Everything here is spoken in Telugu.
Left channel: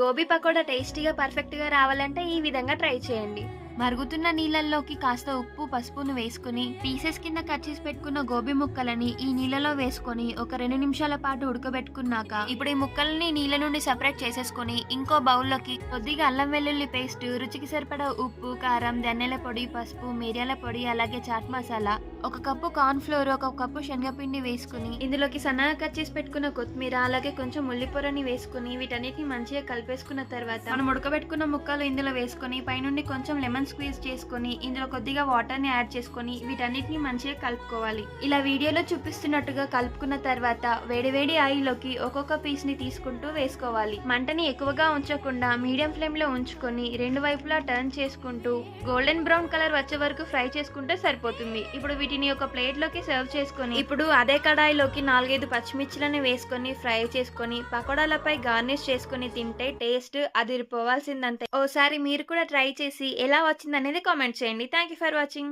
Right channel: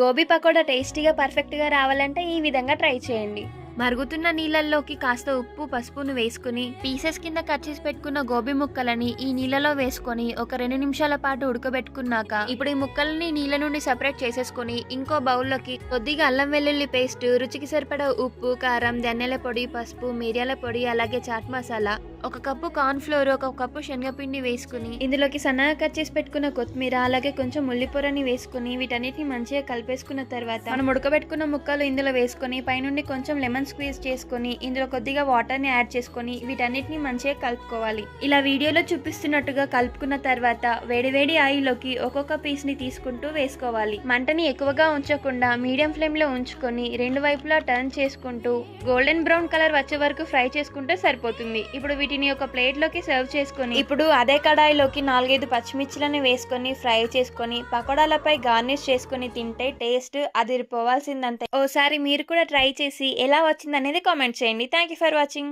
గోబీ పకోడా టేస్టీగా పర్ఫెక్ట్గా రావాలంటే ఈ విధంగా ట్రై చేయండి. మరుగుతున్న నీళ్ళల్లోకి కాస్త ఉప్పు పసుపును వేసుకుని పీసెస్ కింద కట్ చేసి పెట్టుకున్న గోబీ ముక్కలని ఈ నీళ్ళలో వేసుకొని ఒక 2 నిమిషాల పాటు ఉడకబెట్టుకున్నాక ఇప్పుడు ఈ ముక్కల్ని నీళ్ళ నుండి సెపరేట్ చేసేసుకుని ఇంకో బౌల్లోకి కొద్దిగా అల్లం వెల్లుల్లి పేస్ట్, రుచికి సరిపడా ఉప్పు, కారం, ధనియాల పొడి, పసుపు, మిరియాల పొడి, అలాగే chaat masala, 1 cup corn flour, 1 cup శనగపిండి వేసుకుని ఇందులోకి సన్నగా కట్ చేసి పెట్టుకున్న కొత్తిమీర, అలాగే కొంచెం ఉల్లిపొరని వేసుకుని వీటన్నిటిని మంచిగా కలిపేసుకున్న తర్వాత మనం ఉడకబెట్టుకున్న ముక్కలు ఇందులో వేసుకొని పైనుండి కొంచెం లెమన్ స్క్వీజ్ చేసుకొని ఇందులో కొద్దిగా వాటర్ ని యాడ్ చేసుకొని వీటన్నిటిని మంచిగా కలుపుకోవాలి. ఇలా వీడియోలో చూపిస్తున్నట్టుగా కలుపుకున్న తర్వాత వేడివేడి ఆయిల్లోకి ఒక్కొక్క పీస్ ని తీసుకుంటూ వేసుకోవాలి. మంటని ఎక్కువగా ఉంచకుండా మీడియం ఫ్లేమ్ లో ఉంచుకొని 2 వైపులా టర్న్ చేసుకుంటూ గోల్డెన్ బ్రౌన్ కలర్ వచ్చే వరకు ఫ్రై చేసుకుంటే సరిపోతుంది. ఇప్పుడు వీటిని ఒక ప్లేట్ లోకి సర్వ్ చేసుకొని ఇప్పుడు అదే కడాయిలోకి 4-5 పచ్చిమిర్చిలను వేసుకొని ఫ్రై చేసుకొని పకోడాలపై గార్నిష్ చేసుకొని తింటే టేస్ట్ అదిరిపోవాల్సిందంతే. ఓసారి మీరు కూడా ట్రై చేసి ఎలా వచ్చిందనేది కామెంట్ చేయండి. Thank you for watching.